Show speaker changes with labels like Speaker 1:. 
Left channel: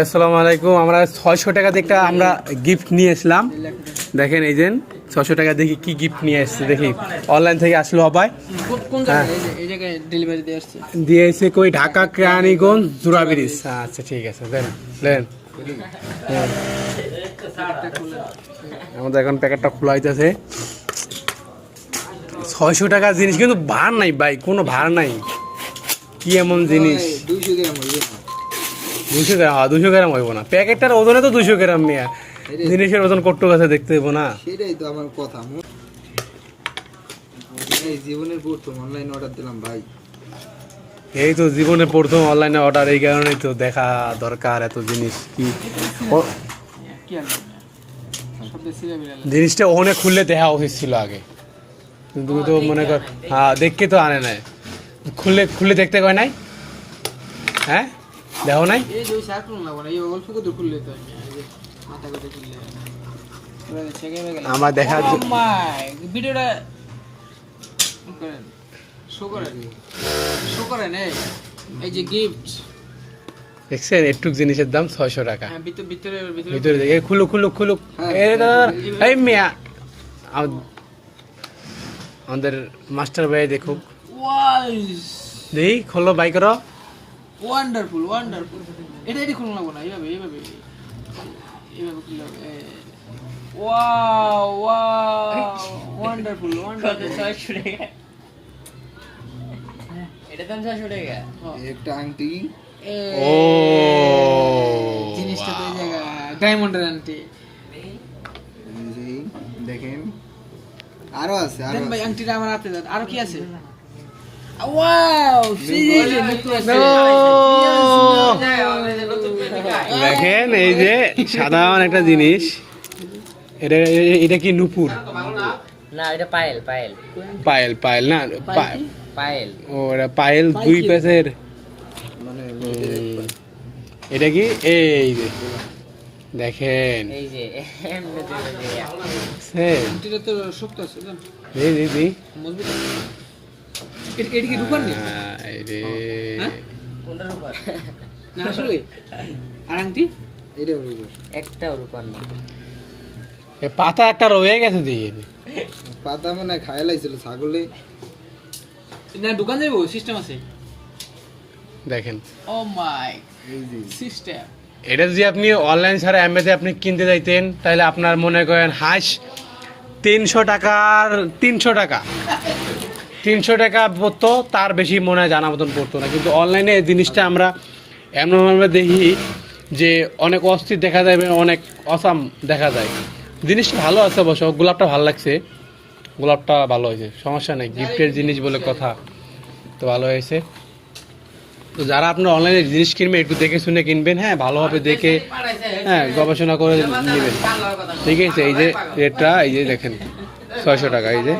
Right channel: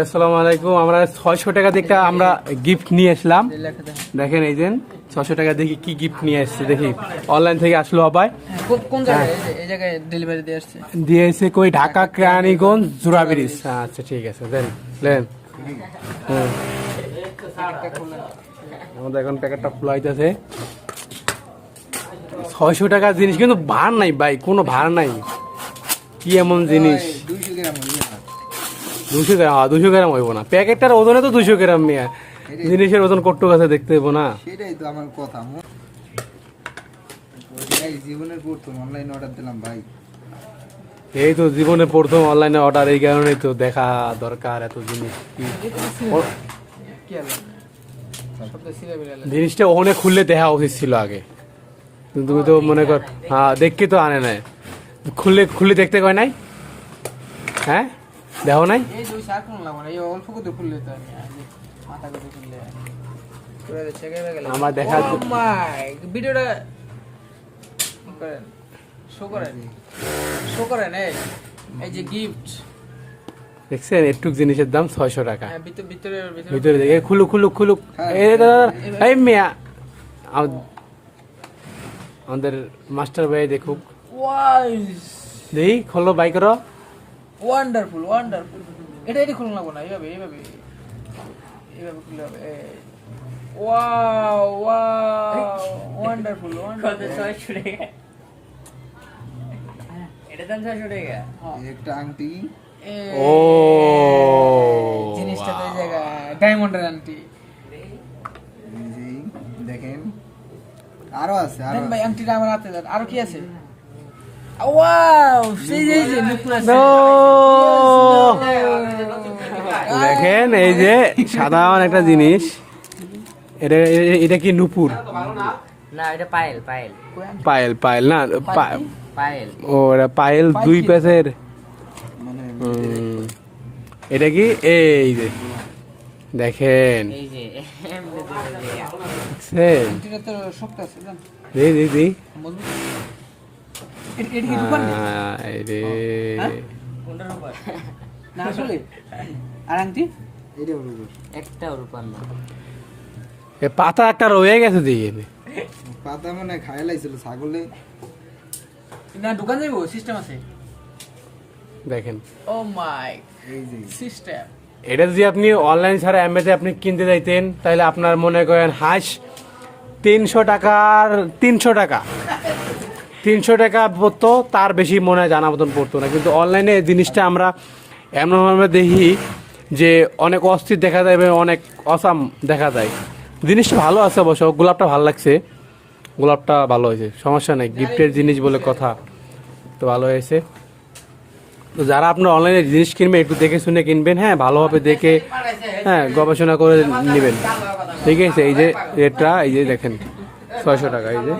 Speaker 1: আসসালামু আলাইকুম। আমরা ছয়শো টাকা একটা আমরা গিফট নিয়ে আসলাম। দেখেন এই যে ছশো টাকা দেখি কি গিফট নিয়ে আসছে দেখি। অনলাইন থেকে আসলো আবার।
Speaker 2: কোন- কোন জায়গায়? এই যে- এই জায়গায় ডেলিভারি দিয়ে
Speaker 1: এসে কই ঢাকা কেরানীগঞ্জ জুরা ব্রিজ। আচ্ছা ঠিক আছে দেন দেন। হুম। আমাদের এখন প্যাকেটটা খোলা হইতেছে। ছয়শো টাকার জিনিস কিন্তু ভার নাই ভাই কোনো ভার নাই। কি এমন জিনিস?
Speaker 2: দুইশো গ্রাম
Speaker 1: দুশো গ্রাম দুশো গ্রাম হইব না। প্যাকেটটার ওজনে তো দুশো গ্রাম নিয়ে। জিনিসের ওজন কট্টু কাছে দেখতে হইব না।
Speaker 2: সেটাই তো আমার কথা মু- এই প্রথম অনলাইন অর্ডার দিলাম ভাই।
Speaker 1: এই তো জীবনে প্রথম অনলাইনে অর্ডার এই কারণেই তো দেখা দরকার এত জিনিস। কি জিনিসটা ওখানে খুললে দেখা উচিত ছিল আগে। তুমি তো মনে কর হ্যাঁ দেখকে তো আনে নাই। খুললে খুললে দেখতে কয় নাই? হ্যাঁ? দেখো নাই? আমার
Speaker 2: ভিডিওটা এই যে গিফট
Speaker 1: দেখছেন একটু জিনিসের দাম ছয়শো টাকা।
Speaker 2: ভিতরে ভিতরে
Speaker 1: দেখে খুলুক খুলুক খুলুক। এই মিয়া। আমাদের মাস্টার ভাই দেখুক। দেখি খোলো বাই করো।
Speaker 2: ওয়ান্ডারফুল ওয়ান্ডারফুল এটা এটা খুলুন লাগবো না এইভাবে এইভাবে। এইভাবে খুললে হবে ওয়াও ওয়াও ওয়ান্ডারফুল ওয়ান্ডারফুল
Speaker 3: একটা আংটি।
Speaker 1: ও
Speaker 2: জিনিসটা ডায়মন্ডের আংটি।
Speaker 3: দেখেন। আরও আছে
Speaker 2: ভাই আংটিটা আমার হাতে আরও কি আছে ওয়াও সেই যে নেকলেস
Speaker 1: ও! দেখেন এই যে সাধারণ একটা জিনিস। এটা এটা কি নুপুর?
Speaker 4: না এটা পায়েল পায়েল।
Speaker 1: পায়েল পায়েল না
Speaker 4: পায়েল।
Speaker 1: ও এটা পায়েল দুই
Speaker 3: মানে
Speaker 1: এটা কি? এই যে। দেখেন।
Speaker 4: এই যে
Speaker 2: এটা এটা কি
Speaker 1: রে
Speaker 2: হ্যাঁ?
Speaker 4: কোনটার
Speaker 2: না আসলে আর আংটি?
Speaker 3: এটা হলো
Speaker 4: একটা রূপার না
Speaker 1: এ পাতা একটা রয়ে গেছে দিয়ে।
Speaker 3: পাতা মানে লাইছিল ছাগলে
Speaker 2: না দোকান যাইবো? সিস্টেম আছে?
Speaker 1: দেখেন।
Speaker 2: ও মাই সিস্টেম
Speaker 1: এটা যদি আপনি অনলাইন ছাড়া অ্যামেতে আপনি কিনতে যাইতেন তাহলে আপনার মনে করেন হাঁস তিনশো টাকার তিনশো টাকা। তিনশো টাকা পড়তো, তার বেশি মনে হয় জানা মতন পড়তো না। কিন্তু অনলাইনে এই জিনিসটা আমরা এমনভাবে দেখি যে অনেক অস্থির দেখা যায় এবং অনেক অসাম দেখা যায়। জিনিসটা ভালো আছে অবশ্য, গোলাপটা ভালো লাগছে। গোলাপটা ভালো হয়েছে, সমস্যা নেই, গিফটের জিনিস বলে কথা, তো ভালো হয়েছে। তো যারা আপনার অনলাইনে জিনিস কিনবেন, একটু দেখে শুনে কিনবেন হ্যাঁ ভালোভাবে দেখে হ্যাঁ গবেষণা করে নেবেন। ঠিক আছে, এই যে রেটটা, এই যে দেখেন, ছয়শো টাকা, এই যে।